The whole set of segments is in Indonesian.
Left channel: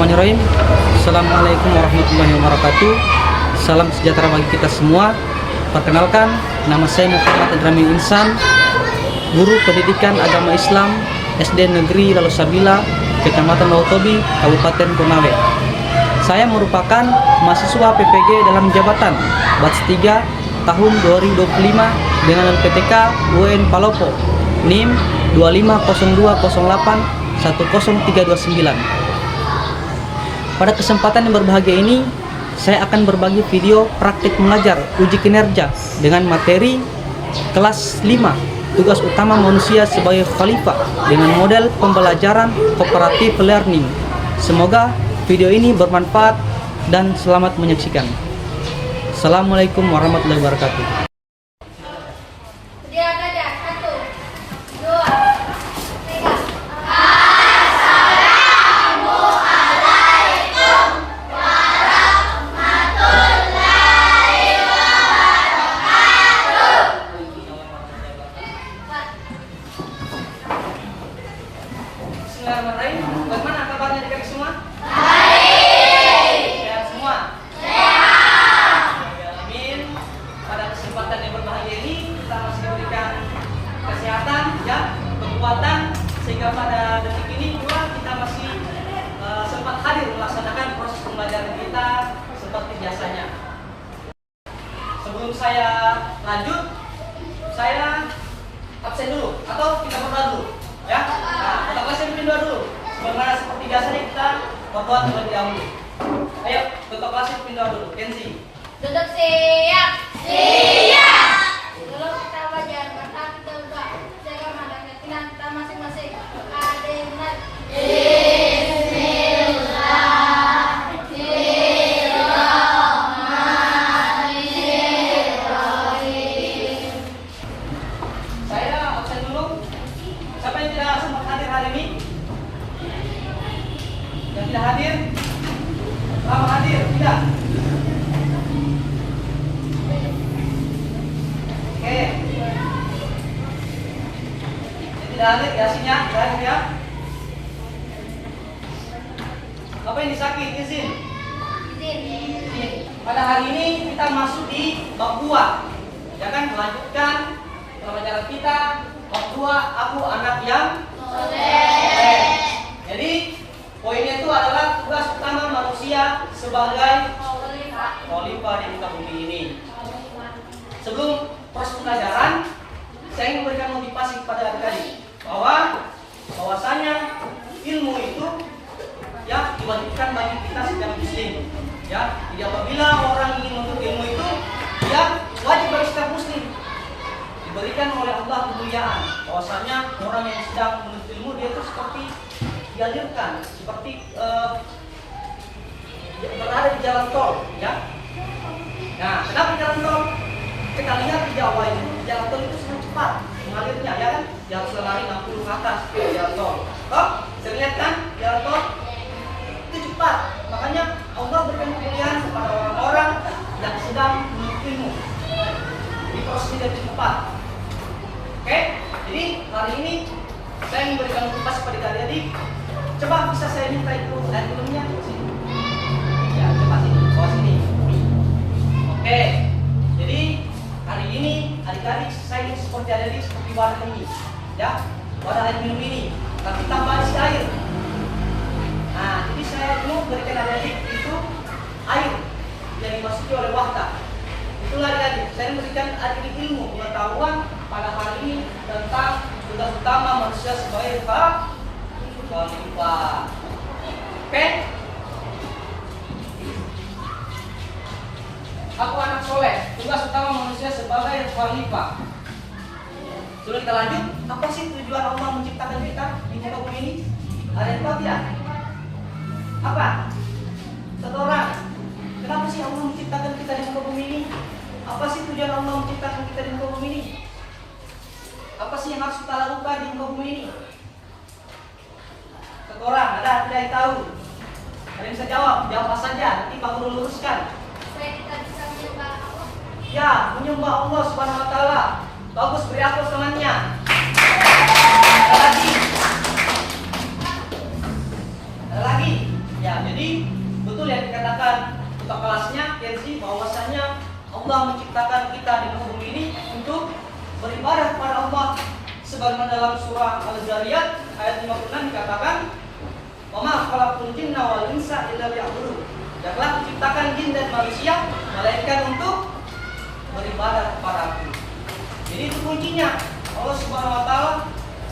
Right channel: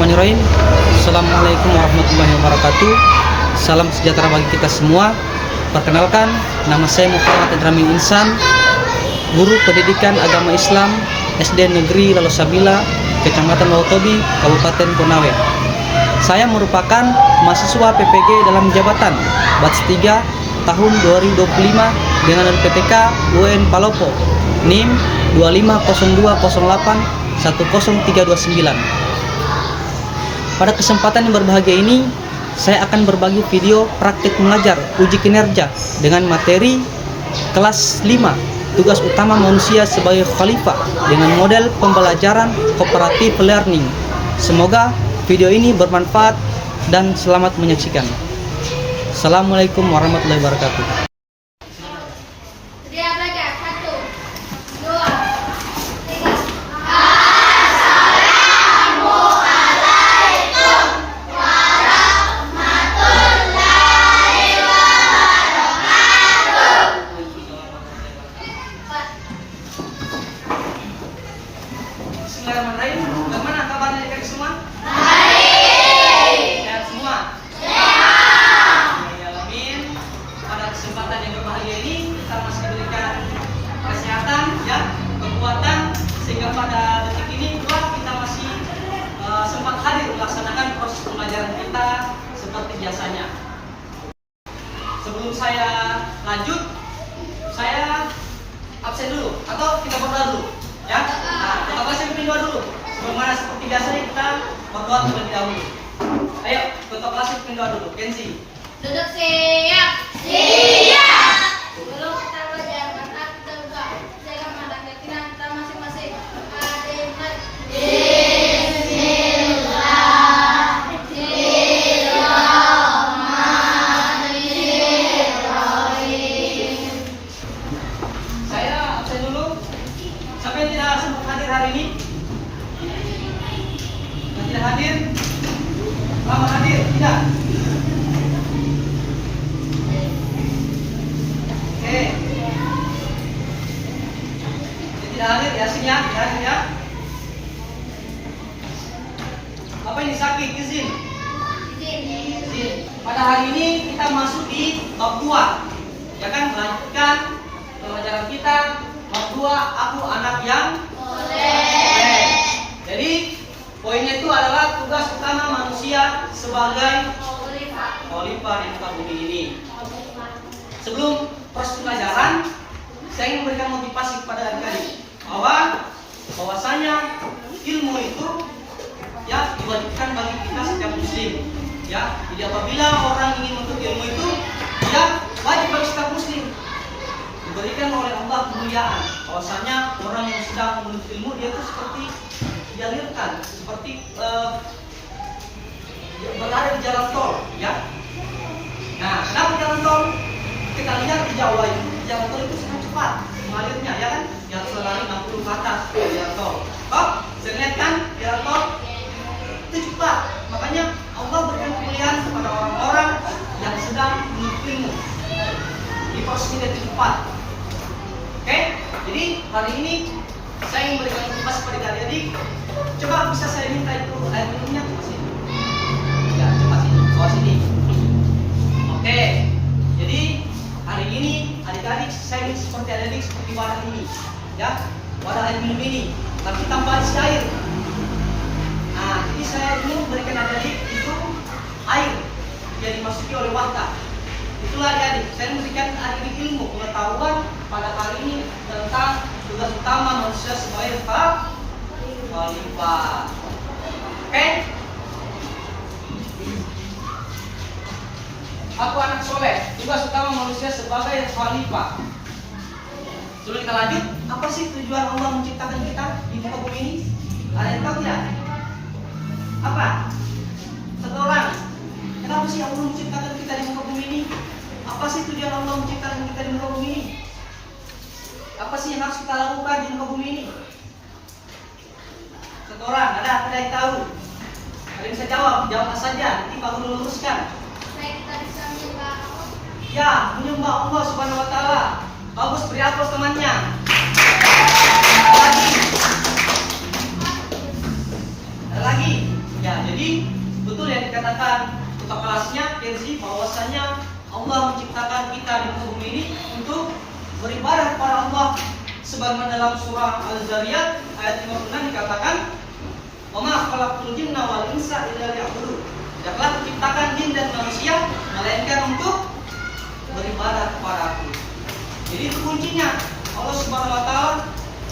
Bismillahirrahmanirrahim. Assalamualaikum warahmatullahi wabarakatuh. Salam sejahtera bagi kita semua. Perkenalkan, nama saya Muhammad Adramin Insan, guru pendidikan agama Islam SD Negeri Lalosabila, Kecamatan Wautobi, Kabupaten Konawe. Saya merupakan mahasiswa PPG dalam jabatan batch 3 tahun 2025 dengan LPTK UN Palopo NIM 250208 10329. Pada kesempatan yang berbahagia ini, saya akan berbagi video praktik mengajar uji kinerja dengan materi kelas 5, tugas utama manusia sebagai khalifah dengan model pembelajaran cooperative learning. Semoga video ini bermanfaat dan selamat menyaksikan. Assalamualaikum warahmatullahi wabarakatuh. Bagaimana kabarnya adik-adik semua? Baik. Sehat semua? Sehat. Amin. Pada kesempatan yang berbahagia ini kita masih diberikan kesehatan, ya, kekuatan, sehingga pada detik ini juga kita masih sempat hadir melaksanakan proses pembelajaran kita seperti biasanya. Sebelum saya lanjut, saya absen dulu atau kita berdoa dulu, ya. Nah, kita kelas pindah dulu. Sebagaimana seperti biasanya kita berdoa terlebih dahulu. Ayo, ketua kelas pindah dulu. Kenzi. Duduk siap. Siap. Belum kita belajar, maka kita buka jaga dan keyakinan kita masing-masing. Ada yang benar. Saya absen dulu. Siapa yang tidak sempat hadir hari ini? Yang tidak hadir? Lama hadir? Tidak? Oke. Yang tidak hadir, Yasinnya tidak hadir, ya? Apa ini sakit? Izin? Izin. Pada hari ini kita masuk di bab 2. Ya kan, melanjutkan pelajaran kita bab 2, aku anak yang soleh. Jadi poinnya itu adalah tugas utama manusia sebagai khalifah di muka bumi ini. Sebelum proses pelajaran, saya ingin memberikan motivasi kepada adik-adik bahwasanya ilmu itu, ya, diberikan bagi kita setiap muslim. Ya, jadi apabila orang ingin menuntut ilmu itu, dia wajib bagi setiap muslim diberikan oleh Allah kemuliaan. Bahwasanya orang yang sedang menuntut ilmu, dia itu seperti dialirkan, seperti berada di jalan tol, ya. Nah, kenapa jalan tol? Kita lihat di Jawa ini, jalan tol itu sangat cepat mengalirnya, ya kan? Di atas lari 60 ke atas jalan tol. Oh, saya lihat kan jalan tol itu cepat. Makanya Allah berikan kemuliaan kepada orang-orang yang sedang menuntut ilmu. Di proses ini dia cepat. Oke, jadi hari ini saya ingin memberikan motivasi kepada adik-adik. Coba bisa saya minta itu air minumnya ke sini. Ya, coba sini, bawah sini. Oke, jadi hari ini adik-adik saya ingin seperti adik-adik seperti wadah ini, ya, wadah air minum ini, tapi tambah isi air. Nah, jadi saya ingin memberikan adik-adik itu air yang dimasuki oleh wadah. Itulah adik-adik, saya memberikan adik-adik ilmu pengetahuan pada hari ini tentang tugas utama manusia sebagai khalifah. Oke? Aku anak soleh, tugas utama manusia sebagai khalifah. Sebelum kita lanjut, apa sih tujuan Allah menciptakan kita di muka bumi ini? Ada yang tahu tidak? Apa? Satu orang. Kenapa sih Allah menciptakan kita di muka bumi ini? Apa sih tujuan Allah menciptakan kita di muka bumi ini? Apa sih yang harus kita lakukan di muka bumi ini? Satu orang, ada tidak yang tahu? Ada yang bisa jawab? Jawab saja, nanti Pak Guru luruskan. Supaya kita bisa menyembah Allah. Ya, menyembah Allah Subhanahu wa taala. Bagus, beri aplaus temannya. Ada lagi? Ada lagi? Ya, jadi beribadah kepada Allah. Sebagaimana dalam surah Al-Zariyat ayat 56 dikatakan, "Wa ma khalaqtul jinna wal insa illa liya'budun." Tidaklah kuciptakan jin dan manusia melainkan untuk beribadah kepada Aku. Jadi itu kuncinya. Allah Subhanahu wa taala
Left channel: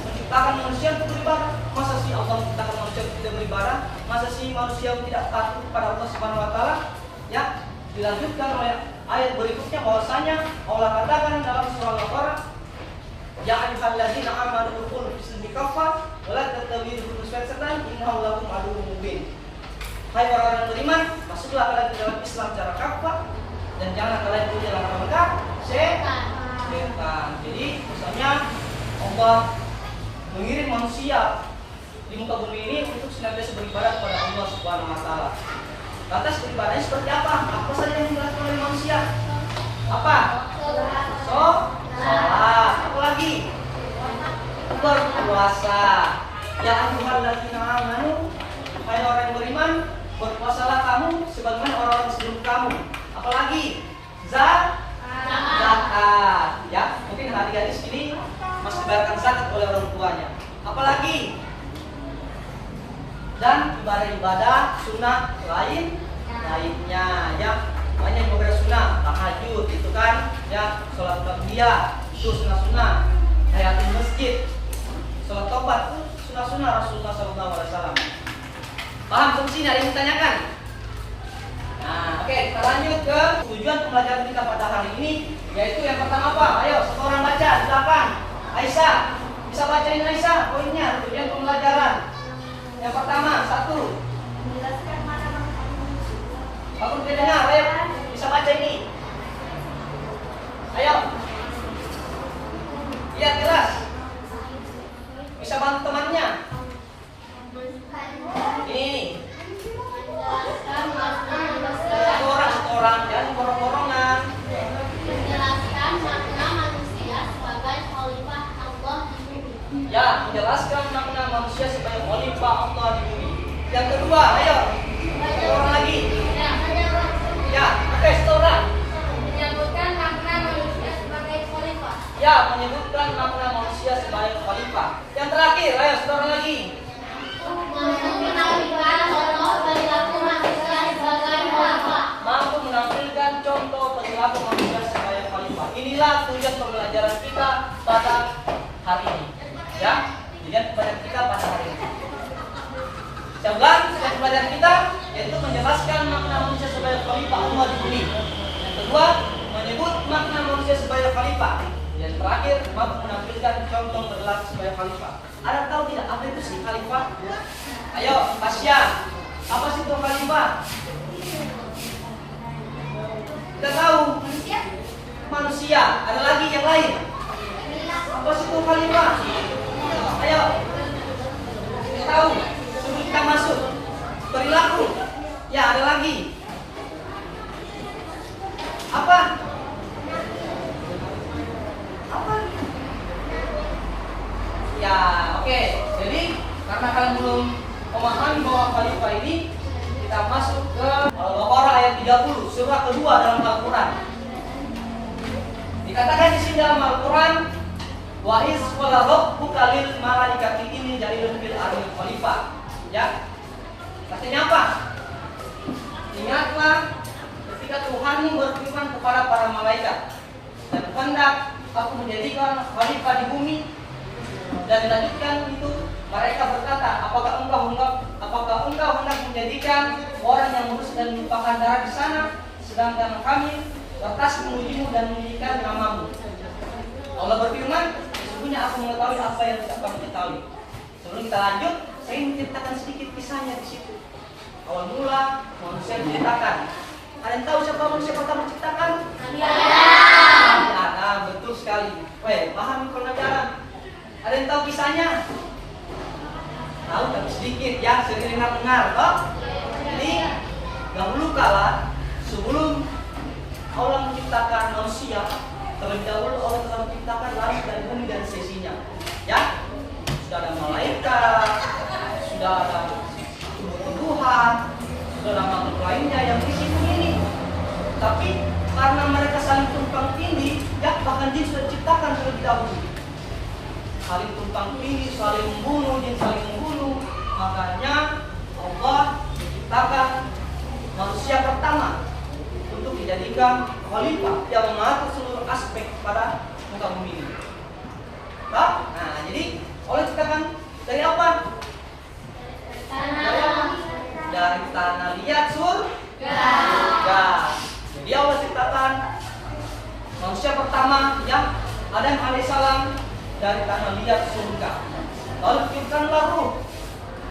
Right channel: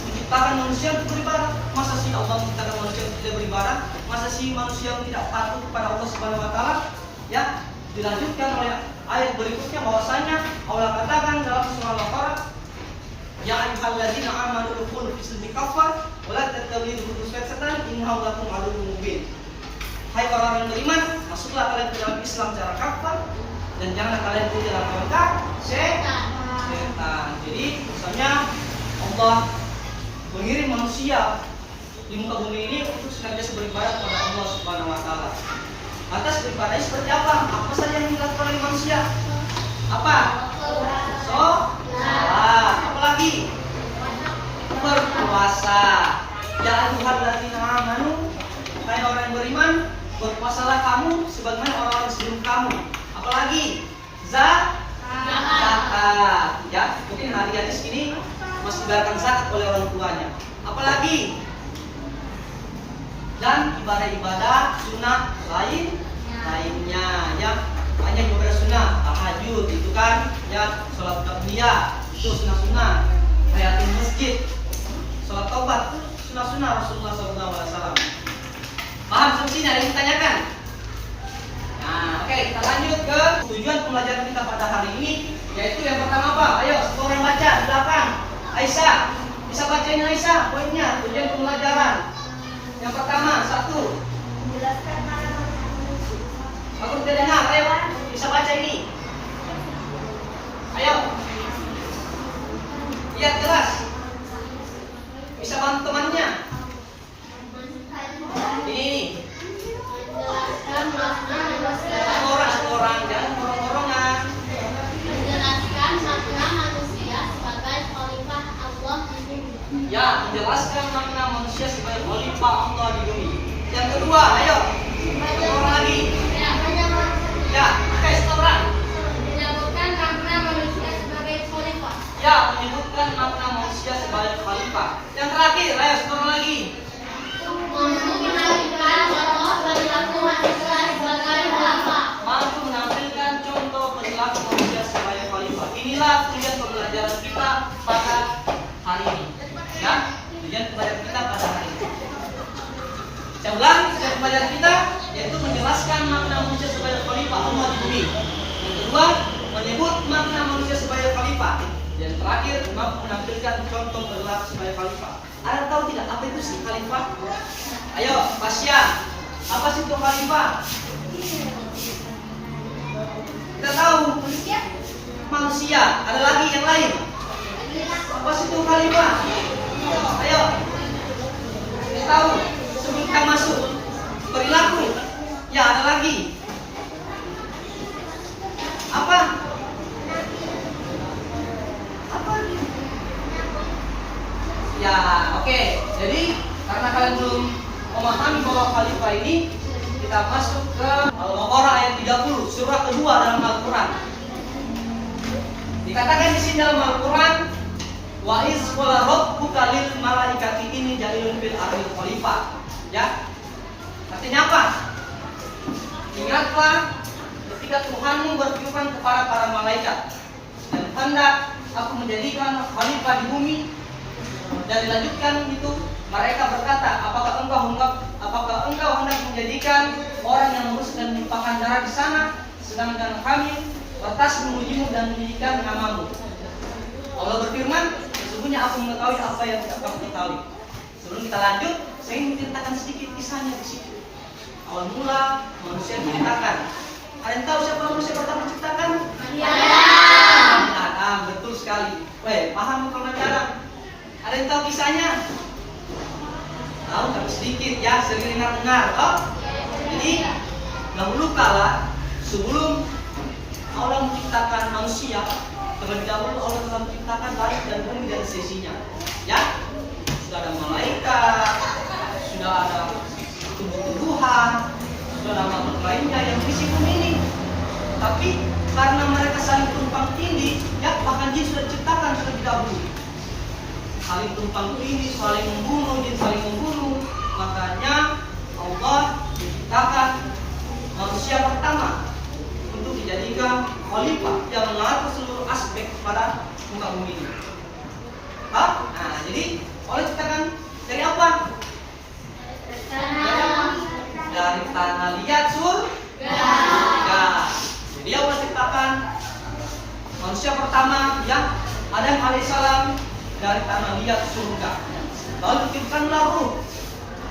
menciptakan manusia untuk beribadah. Masa sih Allah menciptakan manusia untuk tidak beribadah? Masa sih manusia yang tidak patuh kepada Allah Subhanahu wa taala? Ya, dilanjutkan oleh ayat berikutnya bahwasanya Allah katakan dalam surah Al-Baqarah, "Ya ayyuhalladzina amanu udkhulu fis-silmi kaffah wa la tattabi'u khutuwati syaitan innahu lakum aduwwun mubin." Hai orang-orang beriman, masuklah kalian ke dalam Islam secara kafah dan jangan kalian ikut langkah setan. Jadi misalnya Allah mengirim manusia di muka bumi ini untuk senantiasa beribadah kepada Allah Subhanahu wa taala. Lantas beribadahnya seperti apa? Apa saja yang dilakukan oleh manusia? Apa? Sholat. Apa lagi? Berpuasa. Ya ayyuhalladzina amanu, hai orang yang beriman, berpuasalah kamu sebagaimana orang-orang sebelum kamu. Apalagi zakat. Ya, mungkin hari-hari ini masih dibayarkan zakat oleh orang tuanya. Apalagi dan ibadah-ibadah sunnah lainnya, ya banyak ibadah sunnah, tahajud itu kan, ya sholat tarawih itu sunnah, hayatul masjid, sholat taubat sunnah Rasulullah SAW. Paham sampai sini? Ada yang ditanyakan? Nah, oke, kita lanjut ke tujuan pembelajaran kita pada hari ini, yaitu yang pertama apa? Ayo, semua orang baca di belakang. Aisyah, bisa bacain Aisyah poinnya tujuan pembelajaran. Yang pertama, 1. Menjelaskan mana Aku tidak dengar, ayo bisa baca ini. Ayo. Lihat jelas. Bisa bantu temannya. Ini. menjelaskan makna manusia. Satu orang, jangan borong-borongan. Menjelaskan makna manusia sebagai khalifah Allah di bumi. Ya, menjelaskan makna manusia sebagai khalifah Allah di bumi. Yang kedua, ayo. Satu orang lagi. Ya, oke, satu orang. Menyebutkan makna manusia sebagai khalifah. Ya, menyebutkan makna manusia sebagai khalifah. Yang terakhir, ayo satu orang lagi. Menampilkan contoh perilaku manusia sebagai khalifah. Mampu menampilkan contoh perilaku manusia sebagai khalifah. Inilah tujuan pembelajaran kita pada hari ini. Ya, tujuan pembelajaran kita pada hari ini. Yang ulang, tujuan pembelajaran kita yaitu menjelaskan makna manusia sebagai khalifah Allah di bumi. Yang kedua, menyebut makna manusia sebagai khalifah. Yang terakhir, mampu menampilkan contoh perilaku sebagai khalifah. Ada tahu tidak apa itu sih khalifah? Ayo, Pasya, apa sih itu khalifah? Kita tahu manusia. Ada lagi yang lain. Apa sih itu khalifah? Ayo, kita tahu. Sebelum kita masuk perilaku. Ya, ada lagi. Apa? Apa? Ya, oke. Jadi karena kalian belum memahami bahwa khalifah ini, kita masuk ke Al-Baqarah ayat 30, surah kedua dalam Al-Quran. Dikatakan di sini dalam Al-Quran, wa iz qala rabbuka lil malaikati inni ja'ilun fil ardi khalifah. Ya. Artinya apa? Ingatlah ketika Tuhanmu berfirman kepada para malaikat, dan hendak aku menjadikan khalifah di bumi. Dan dilanjutkan itu, mereka berkata, apakah engkau hendak menjadikan orang yang lurus dan melupakan darah di sana, sedangkan kami batas memujimu dan menjadikan namamu. Allah berfirman, sesungguhnya aku mengetahui apa yang tidak kamu ketahui. Sebelum kita lanjut, saya ingin ceritakan sedikit kisahnya di situ. Awal mula manusia diciptakan. Ada yang tahu siapa manusia pertama diciptakan? Adam. Betul sekali. Weh, paham pelajaran? Ada yang tahu kisahnya? Tahu tapi sedikit ya, sering dengar. Oh, jadi dahulu kala sebelum Allah menciptakan manusia, terlebih dahulu Allah telah menciptakan langit dan bumi dan sisinya. Ya, sudah ada malaikat, sudah ada tumbuh-tumbuhan, sudah ada makhluk lainnya yang di situ ini. Tapi karena mereka saling tumpang tindih, ya bahkan jin sudah diciptakan terlebih berkelabu, saling tumpang tindih, saling membunuh, saling membunuh. Makanya Allah menciptakan manusia pertama untuk dijadikan khalifah yang mengatur seluruh aspek pada muka bumi ini. Nah, jadi Allah ciptakan dari apa? Dari tanah liat surga. Jadi Allah ciptakan manusia pertama yang Adam alaihissalam dari tanah liat surga. Lalu diciptakanlah ruh.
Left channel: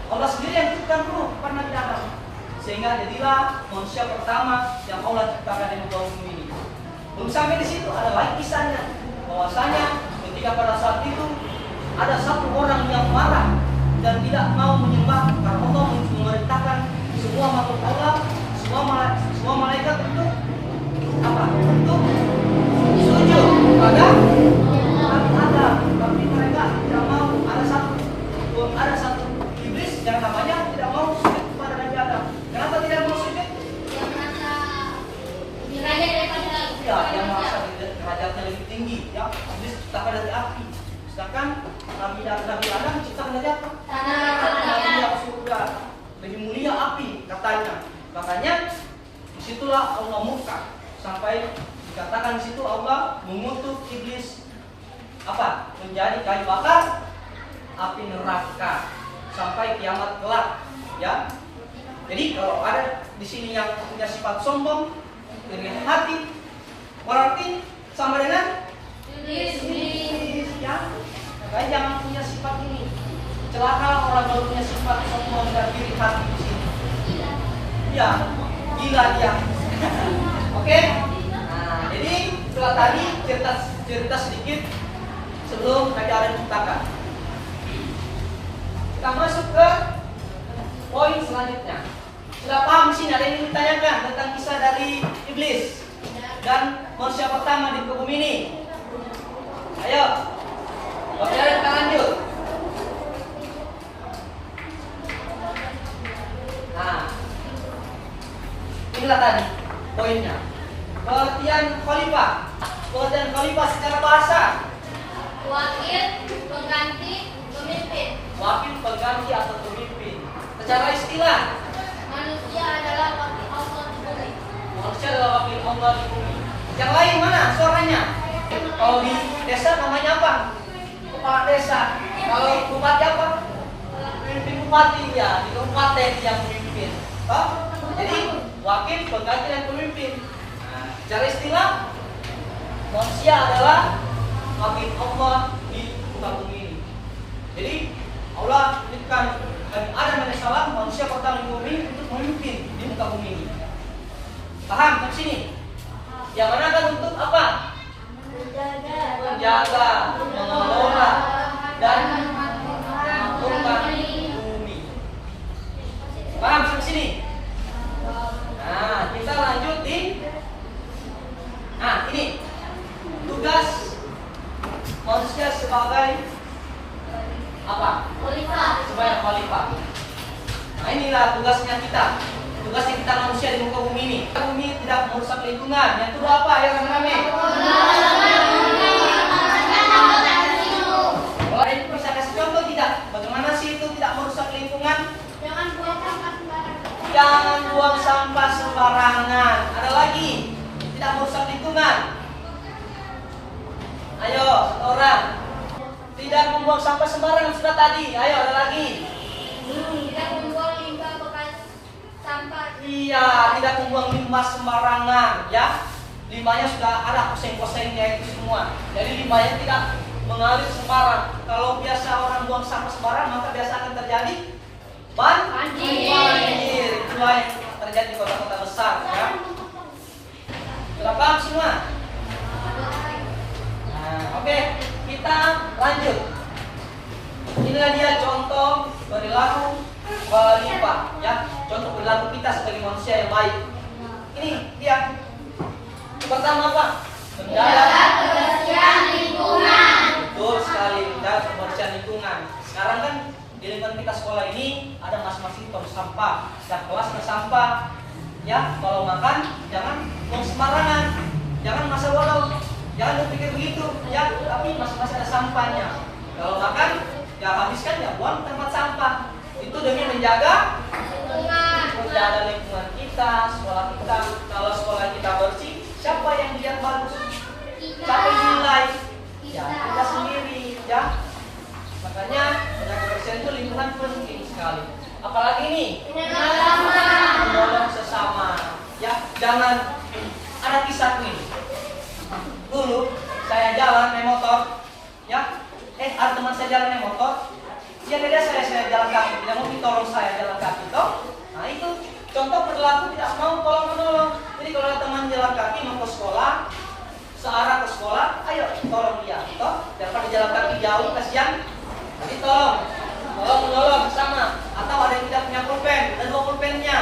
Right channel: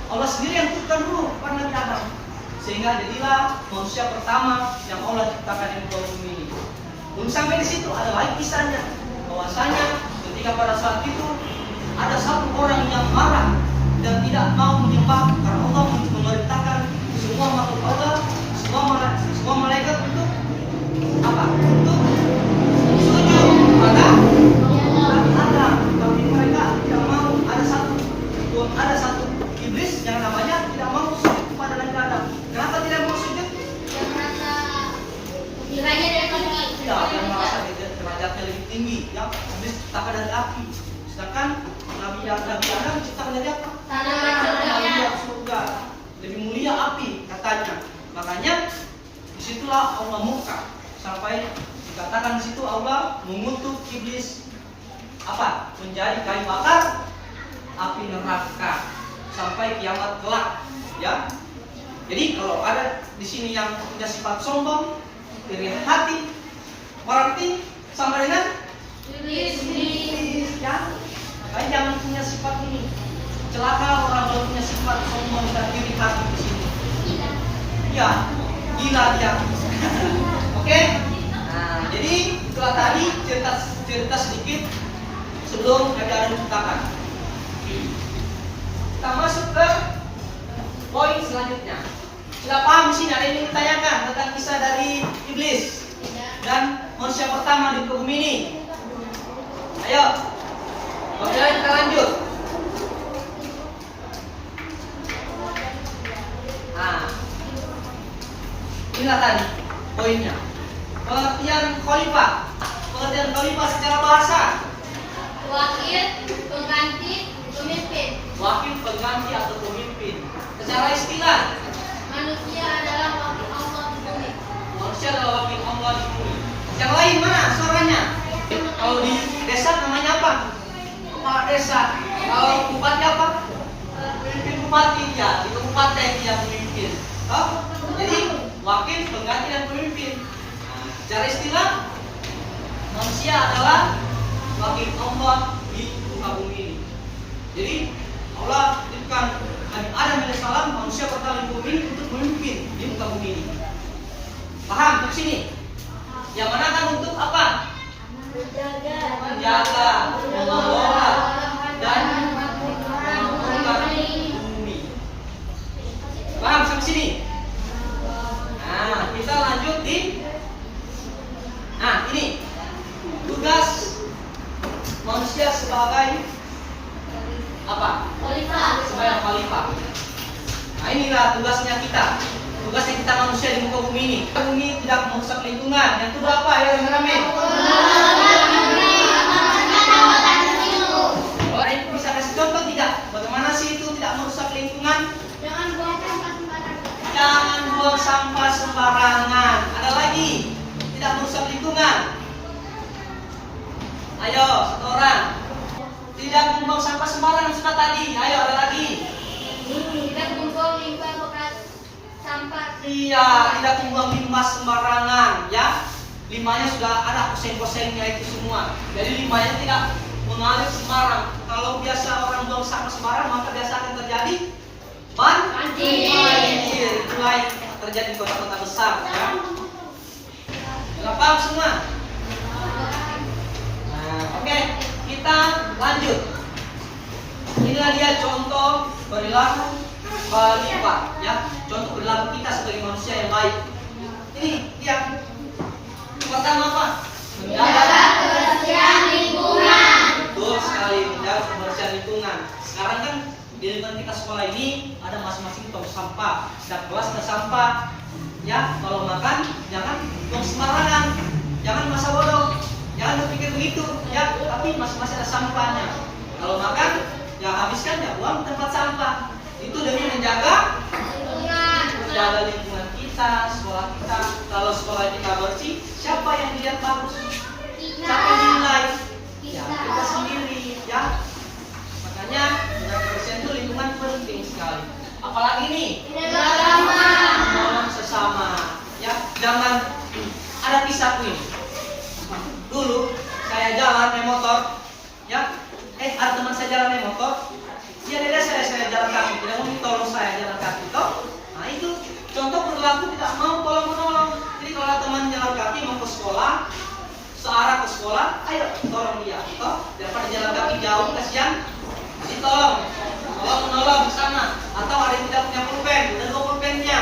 Allah sendiri yang ciptakan ruh karena Nabi Adam. Sehingga jadilah manusia pertama yang Allah ciptakan di muka bumi ini. Belum sampai di situ, ada lagi kisahnya. Bahwasanya ketika pada saat itu ada satu orang yang marah dan tidak mau menyembah karena Allah memerintahkan semua makhluk Allah, semua malaikat untuk apa? Untuk sujud pada Nabi Adam. Tapi mereka tidak mau. Ada satu iblis yang namanya tidak mau sujud kepada Nabi Adam. Kenapa tidak mau sujud? Yang merasa nilainya dari paling tinggi. Ya, yang merasa derajatnya lebih tinggi. Ya, iblis diciptakan dari api. Sedangkan Nabi Adam diciptakan dari apa? Tanah surga. Lebih mulia api katanya. Makanya disitulah Allah murka sampai dikatakan di situ Allah mengutuk iblis apa? Menjadi kayu bakar api neraka sampai kiamat kelak. Ya. Jadi kalau ada di sini yang punya sifat sombong, iri hati, berarti sama dengan iblis. Ya. Makanya jangan punya sifat ini. Celaka orang kalau punya sifat sombong dan iri hati di sini. Ya, gila dia. Oke? Nah, jadi setelah tadi cerita sedikit sebelum Nabi Adam diciptakan. Kita masuk ke poin selanjutnya. Sudah paham di sini ada yang ingin ditanyakan tentang kisah dari iblis dan manusia pertama di bumi ini? Ayo. Oke, kita lanjut. Nah, inilah tadi poinnya. Pengertian khalifah. Pengertian khalifah secara bahasa. Wakil, pengganti, pemimpin. Wakil, pengganti atau pemimpin. Secara istilah, Manusia adalah wakil Allah di bumi. manusia adalah wakil Allah di bumi. Yang lain mana suaranya? Kalau di desa namanya apa? Kepala desa. Kalau bupati apa? Pemimpin bupati ya. Di kabupaten yang pemimpin. Oh? Jadi wakil, pengganti dan pemimpin. Nah, secara istilah manusia adalah wakil Allah di muka bumi ini. Jadi Allah titipkan Nabi Adam alaihissalam manusia pertama di bumi untuk memimpin di muka bumi ini. Paham di sini? Yang mana kan untuk apa? Menjaga, mengelola dan memakmurkan bumi. Paham sampai sini? Nah, kita lanjut di ini tugas manusia sebagai apa? Khalifah. Sebagai khalifah. Nah, inilah tugasnya kita. Tugasnya kita manusia di muka bumi ini. Bumi tidak merusak lingkungan. Yang kedua apa? Ya, rame-rame. Bisa kasih contoh tidak? Bagaimana sih itu tidak merusak lingkungan? Jangan buang sampah sembarangan. Jangan buang sampah sembarangan. Ada lagi, tidak merusak lingkungan. Ayo, satu orang. Tidak membuang sampah sembarangan sudah tadi. Ayo, ada lagi. Tidak membuang limbah bekas sampah. Iya, tidak membuang limbah sembarangan, ya. Limbahnya sudah ada poseng-posengnya itu semua. Jadi limbahnya tidak mengalir sembarang. Kalau biasa orang buang sampah sembarang, maka biasa akan terjadi banjir. Itulah yang terjadi di kota-kota besar, ya. Sudah paham semua? Nah, oke, kita lanjut. Inilah dia contoh perilaku khalifah, ya. Contoh perilaku kita sebagai manusia yang baik. Ini dia. Pertama apa? Menjaga kebersihan lingkungan. Betul sekali, menjaga kebersihan lingkungan. Sekarang kan di lingkungan kita sekolah ini ada masing-masing tong sampah. Setiap kelas ada sampah. Ya, kalau makan jangan tong sembarangan. Jangan masa bodoh. Jangan berpikir begitu, ya. Tapi masing-masing ada sampahnya. Kalau makan, ya habiskan, ya buang tempat sampah. Itu demi menjaga lingkungan kita, sekolah kita. Kalau sekolah kita bersih, siapa yang dilihat bagus? Siapa yang dinilai? Ya, kita sendiri, ya. Makanya menjaga kebersihan itu lingkungan penting sekali. Apalagi nih, menolong sesama. Ya, jangan ada kisah nih. Dulu saya jalan naik motor, ya. Ada teman saya jalan naik motor. Dia lihat saya jalan kaki, tidak mau tolong saya jalan kaki, toh. Nah itu contoh perilaku tidak mau tolong menolong. Jadi kalau ada teman jalan kaki mau ke sekolah, searah ke sekolah, ayo tolong dia, toh. Daripada jalan kaki jauh kasihan, jadi tolong menolong sama. Atau ada yang tidak punya pulpen dan bawa pulpennya,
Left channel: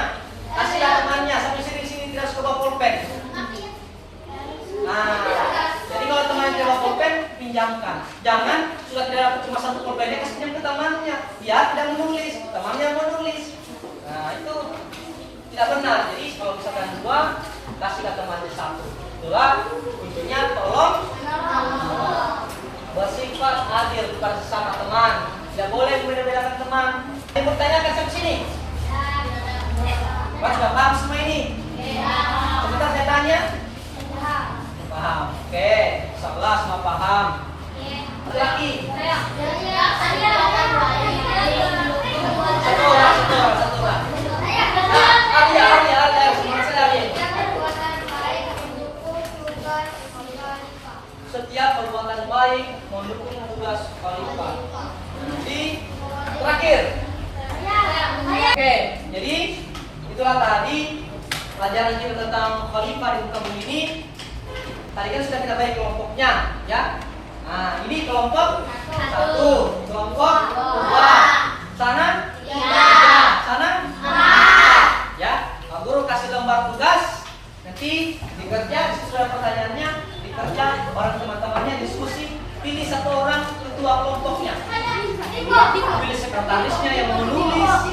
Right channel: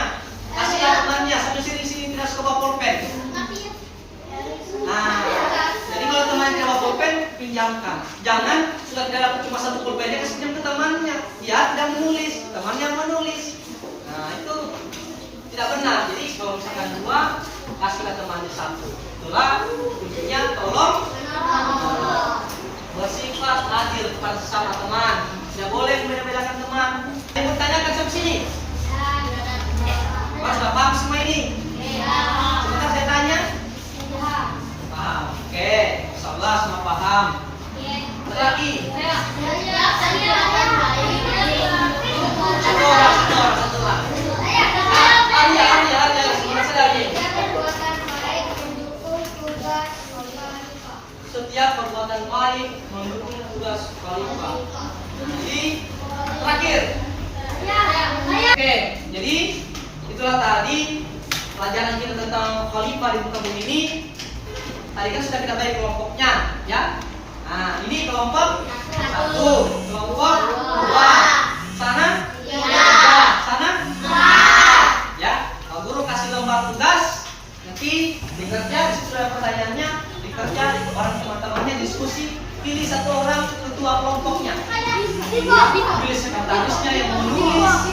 kasih temannya sampai sini tidak suka bawa pulpen. Nah, jadi kalau temannya tidak bawa pulpen, pinjamkan. Jangan sudah tidak dapat cuma satu pulpennya, kasih pinjam ke temannya. Dia tidak menulis, temannya menulis. Nah, itu tidak benar. Jadi kalau misalkan dua, kasih ke temannya satu. Itulah intinya tolong bersifat adil kepada sesama teman. Tidak boleh membeda-bedakan teman. Yang bertanya kan sampai sini. Mas sudah paham semua ini? Sebentar saya tanya. Paham. Oke, insyaallah semua paham. Satu lagi. Satu orang. Setiap perbuatan baik mendukung tugas khalifah. Jadi terakhir. Oke, jadi itulah tadi pelajaran kita tentang khalifah di muka bumi ini. Tadi kan sudah kita bagi kelompoknya, ya. Nah, ini kelompok 1, kelompok 2, sana 3, sana 4. Ya, Pak Guru kasih lembar tugas, nanti dikerja, sudah pertanyaannya, dikerja orang teman-temannya diskusi, pilih satu orang ketua kelompoknya. Pilih sekretarisnya yang menulis.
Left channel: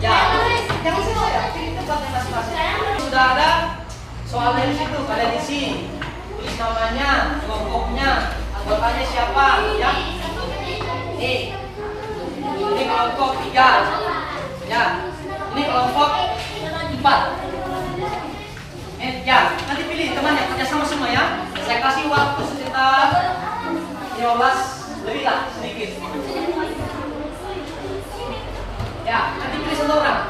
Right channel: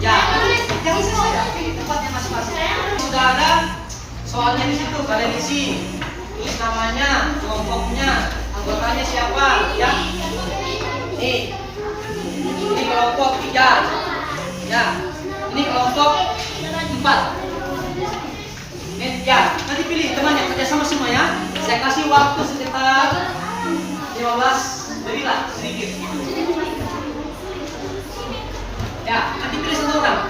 Ya, yang bisa saya pilih tempatnya masing-masing. Sudah ada soalnya di situ, kalian isi. Tulis namanya, kelompoknya, anggotanya siapa, ya. Ini kelompok 3. Ya, ini kelompok 4. Ya, nanti pilih temannya kerja sama semua ya. Saya kasih waktu sekitar 15 lebih lah sedikit. Ya, nanti pilih satu orang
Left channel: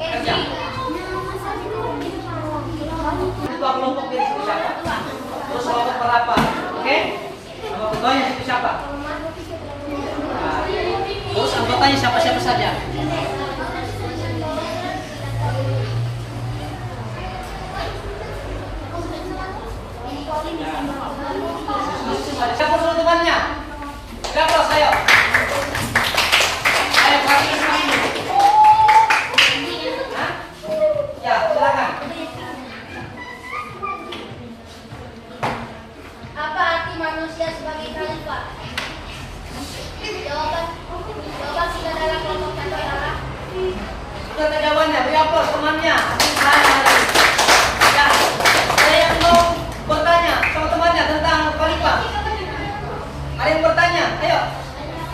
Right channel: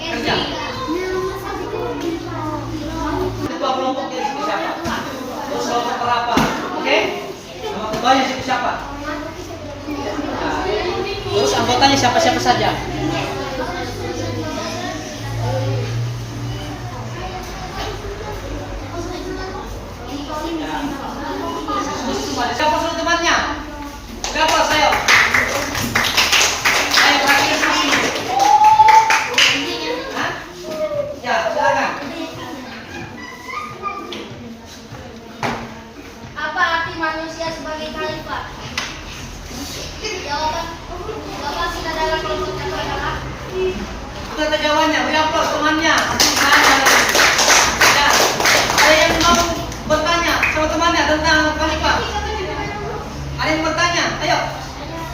kerja. Ketua kelompok jadi siapa? Terus kelompok berapa? Oke? Nama ketuanya siapa? Nah, terus anggotanya siapa-siapa saja? Siapa suruh temannya? Siapa saya? Saya praktis di sini. Hah? Ya, silakan. Apa arti manusia sebagai khalifah? Jawaban kita dalam kelompok satu adalah Kita tanya jawabannya, beri aplaus temannya. Ya, ada yang mau bertanya sama temannya tentang khalifah? Ada yang bertanya? Ayo,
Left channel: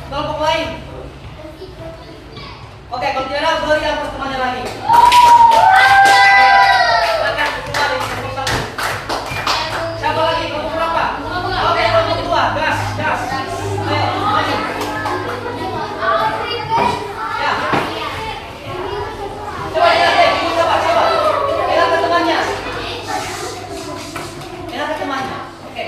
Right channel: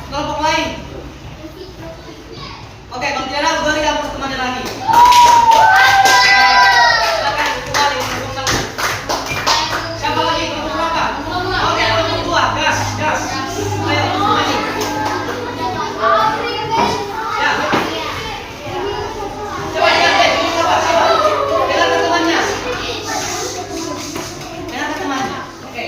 kelompok lain. Oke, kalau tidak ada, beri aplaus temannya lagi. Silakan kembali kelompok satu. Siapa lagi? Kelompok berapa? Oke, kelompok 2. Gas. Ayo, maju. Ya. Coba lihat deh, coba. Pegang ke temannya. Pegang ke temannya. Oke.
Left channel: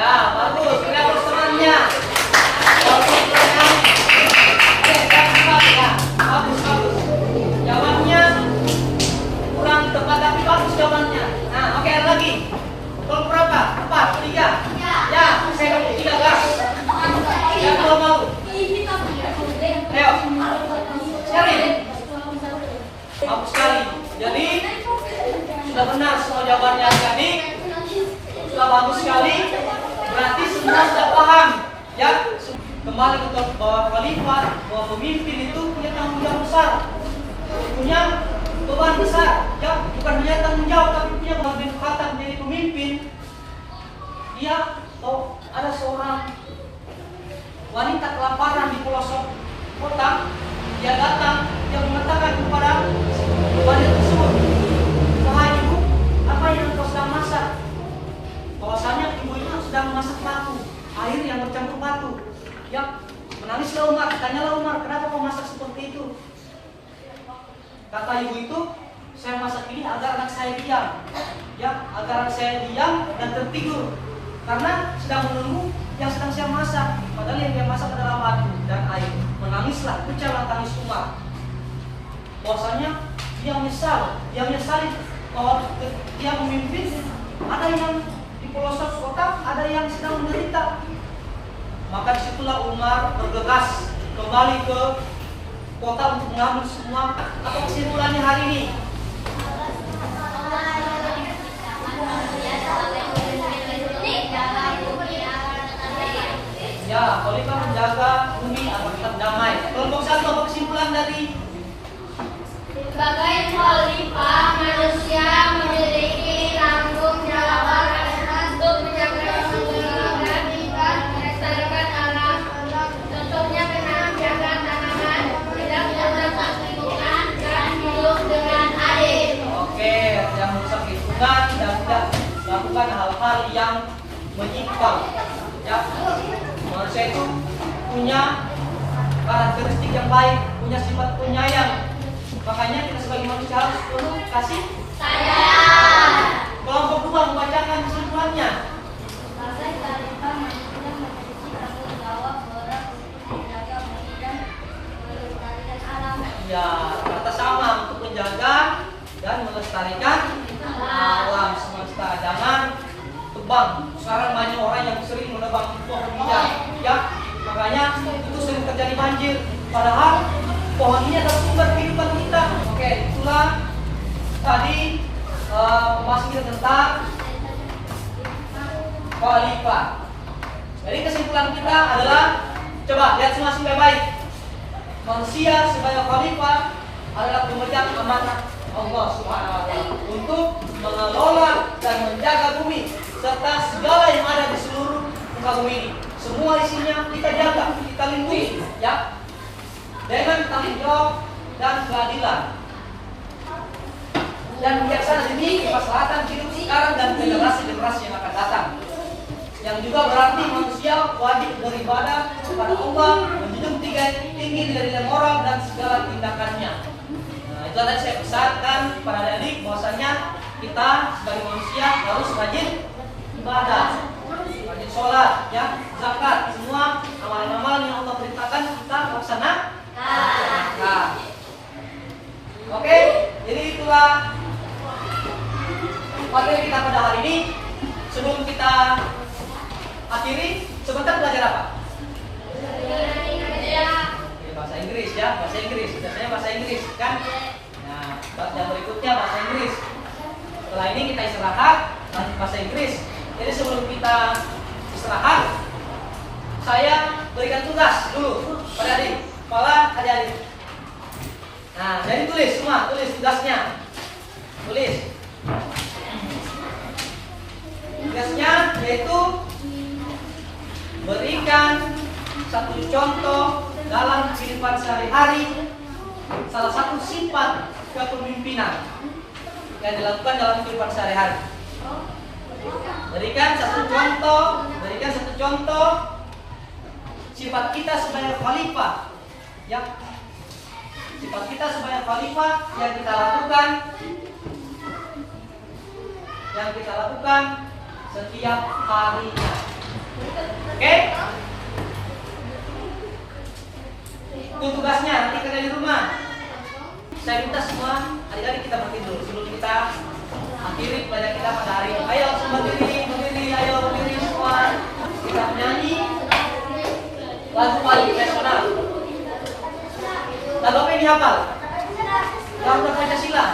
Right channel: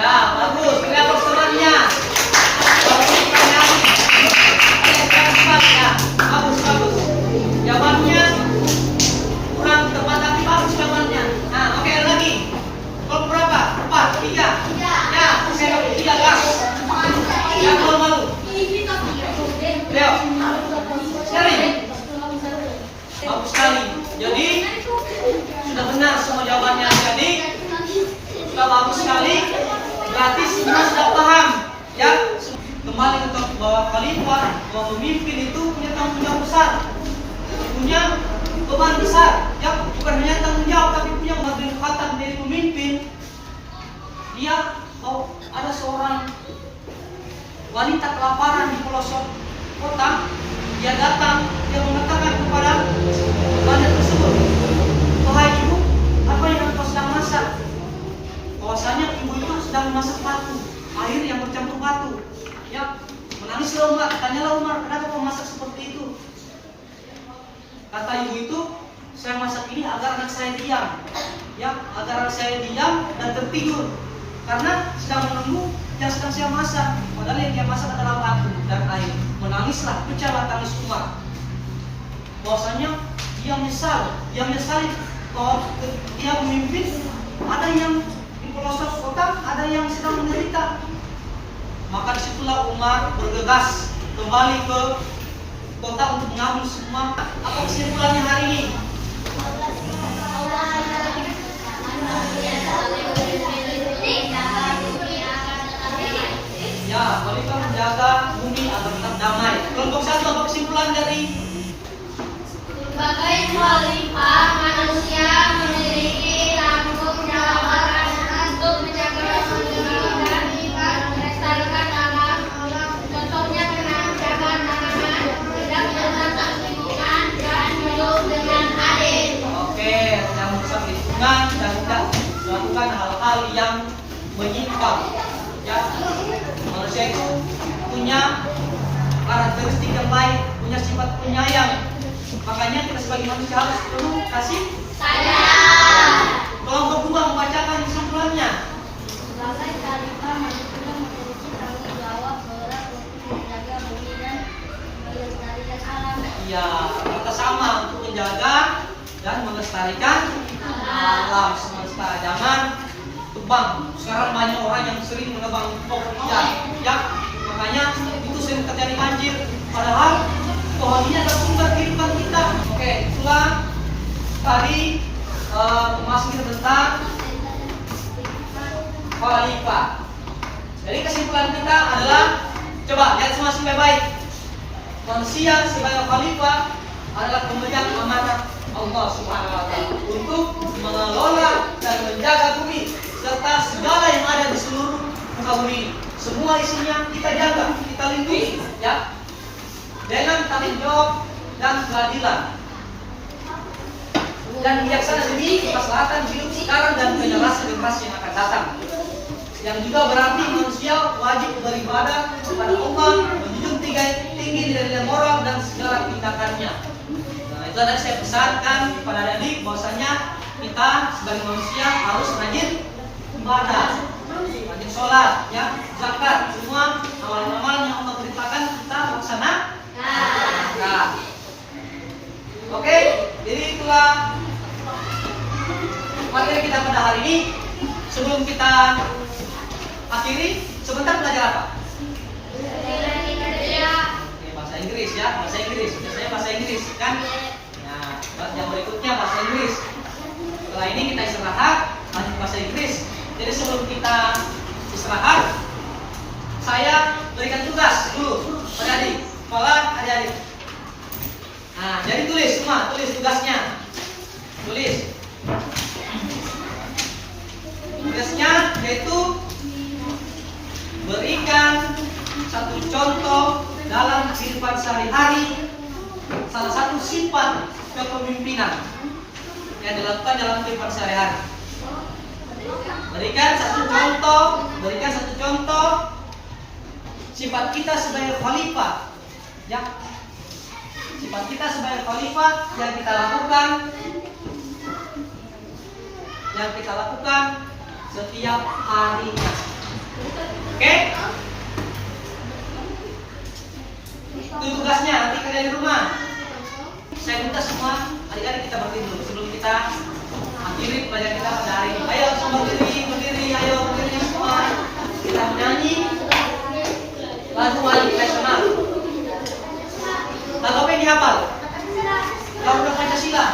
Ya, bagus. Pegang ke temannya. Bagus. Jawabannya kurang tepat tapi bagus jawabannya. Nah, oke. punya beban besar, ya, bukan hanya tanggung jawab tapi punya bagian kekuatan menjadi pemimpin. Dia ada seorang wanita kelaparan di pelosok kota, dia datang, dia mengatakan kepada wanita tersebut, "Wahai ibu, apa yang engkau sedang masak?" Bahwasanya ibu itu sedang memasak batu, air yang bercampur batu. Ya, menangislah Umar, tanyalah Umar, "Kenapa kau masak seperti itu?" Kata ibu itu, "Saya masak ini agar anak saya diam, ya, agar anak saya diam dan tertidur, karena sedang menunggu yang sedang saya masak. Padahal yang dia masak adalah batu dan air." Menangislah, pecahlah tangis Umar. Bahwasanya dia menyesali bahwa dia memimpin, ada yang di pelosok kota, ada yang sedang menderita. Maka disitulah Umar bergegas kembali ke kota untuk mengambil semua. Apa kesimpulannya hari ini? Ya, khalifah menjaga bumi agar tetap damai. Kelompok satu, apa kesimpulan dari? Sebagai khalifah, manusia memiliki tanggung jawab untuk menjaga dan melestarikan alam. Contohnya dengan menjaga tanaman, tidak merusak lingkungan, dan hidup dengan adil. Oke, yang merusak lingkungan, yang tidak melakukan hal-hal yang menyimpang. Ya, manusia itu punya karakteristik yang baik, punya sifat penyayang. Makanya kita sebagai manusia harus penuh kasih Sayang. Kelompok dua membacakan kesimpulannya. Sebagai khalifah, manusia memiliki tanggung jawab berat untuk menjaga bumi dan melestarikan alam. Ya, kata sama untuk menjaga dan melestarikan alam semesta. Jangan tebang. Sekarang banyak orang yang sering menebang pohon, ya, makanya itu sering terjadi banjir. Padahal pohon ini adalah sumber kehidupan kita. Oke, itulah tadi pembahasan kita tentang khalifah. Jadi kesimpulan kita adalah, coba lihat semua baik-baik. Manusia sebagai khalifah adalah pemegang amanah Allah Subhanahu wa taala untuk mengelola dan menjaga bumi serta segala yang ada di seluruh muka bumi ini. Semua isinya kita jaga, kita lindungi, ya, dengan tanggung jawab dan keadilan dan bijaksana demi kemaslahatan hidup sekarang dan generasi yang akan datang. Yang juga berarti manusia wajib beribadah kepada Allah, menjunjung tinggi nilai-nilai moral dan segala tindakannya. Nah, itu tadi saya pesankan kepada adik bahwasanya kita sebagai manusia harus rajin ibadah, rajin sholat, ya, zakat, semua amal-amal yang Allah perintahkan kita laksanakan. Nah, oke, jadi itulah materi kita pada hari ini. Sebelum kita akhiri, sebentar belajar apa? Bahasa Inggris, ya, bahasa Inggris. Biasanya bahasa Inggris, kan? Nah, yang berikutnya bahasa Inggris. Setelah ini kita istirahat, lanjut bahasa Inggris. Jadi sebelum kita istirahat, saya berikan tugas dulu pada adik, sekolah adik-adik. Nah, jadi tulis semua, tulis tugasnya. Tulis. Tugasnya yaitu berikan satu contoh dalam kehidupan sehari-hari salah satu sifat kepemimpinan yang dilakukan dalam kehidupan sehari-hari. Berikan satu contoh sifat kita sebagai khalifah, ya. Sifat kita sebagai khalifah yang kita lakukan setiap harinya. Oke? Itu tugasnya, nanti kerja di rumah. Saya minta semua adik-adik kita berdiri dulu sebelum kita akhiri pelajaran kita pada hari ini. Ayo langsung berdiri, ayo berdiri semua. Kita menyanyi lagu nasional. Lagu apa yang dihafal? Lagu Pancasila.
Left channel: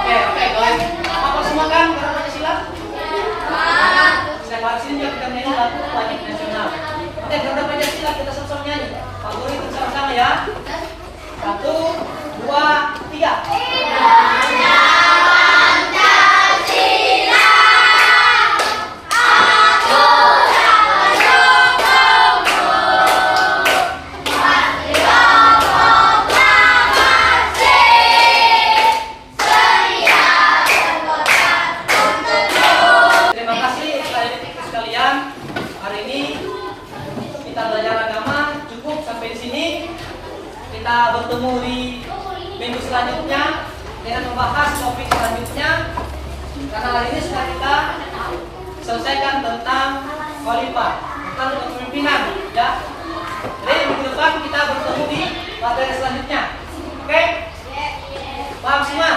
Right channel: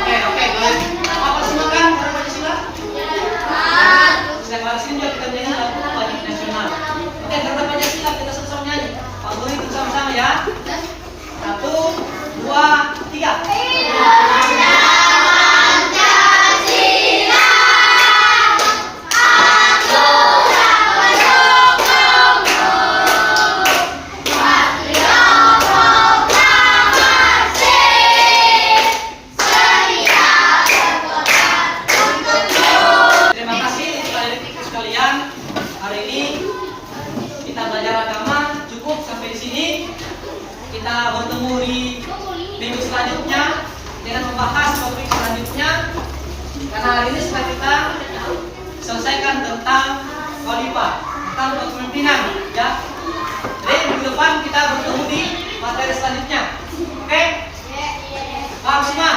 Oke, kalau apa semua kan Lagu Pancasila? Setiap hari sini juga kita menyanyi lagu nasional. Oke, Garuda Pancasila kita sama-sama nyanyi. Pak Guru itu sama-sama ya. Satu, dua, tiga. Terima kasih untuk adik-adik sekalian. Hari ini kita belajar agama cukup sampai di sini. Kita bertemu di minggu selanjutnya dengan membahas topik selanjutnya. Karena hari ini sudah kita selesaikan tentang khalifah, tentang kepemimpinan, ya. Jadi minggu depan kita bertemu di materi selanjutnya. Oke? Paham semua?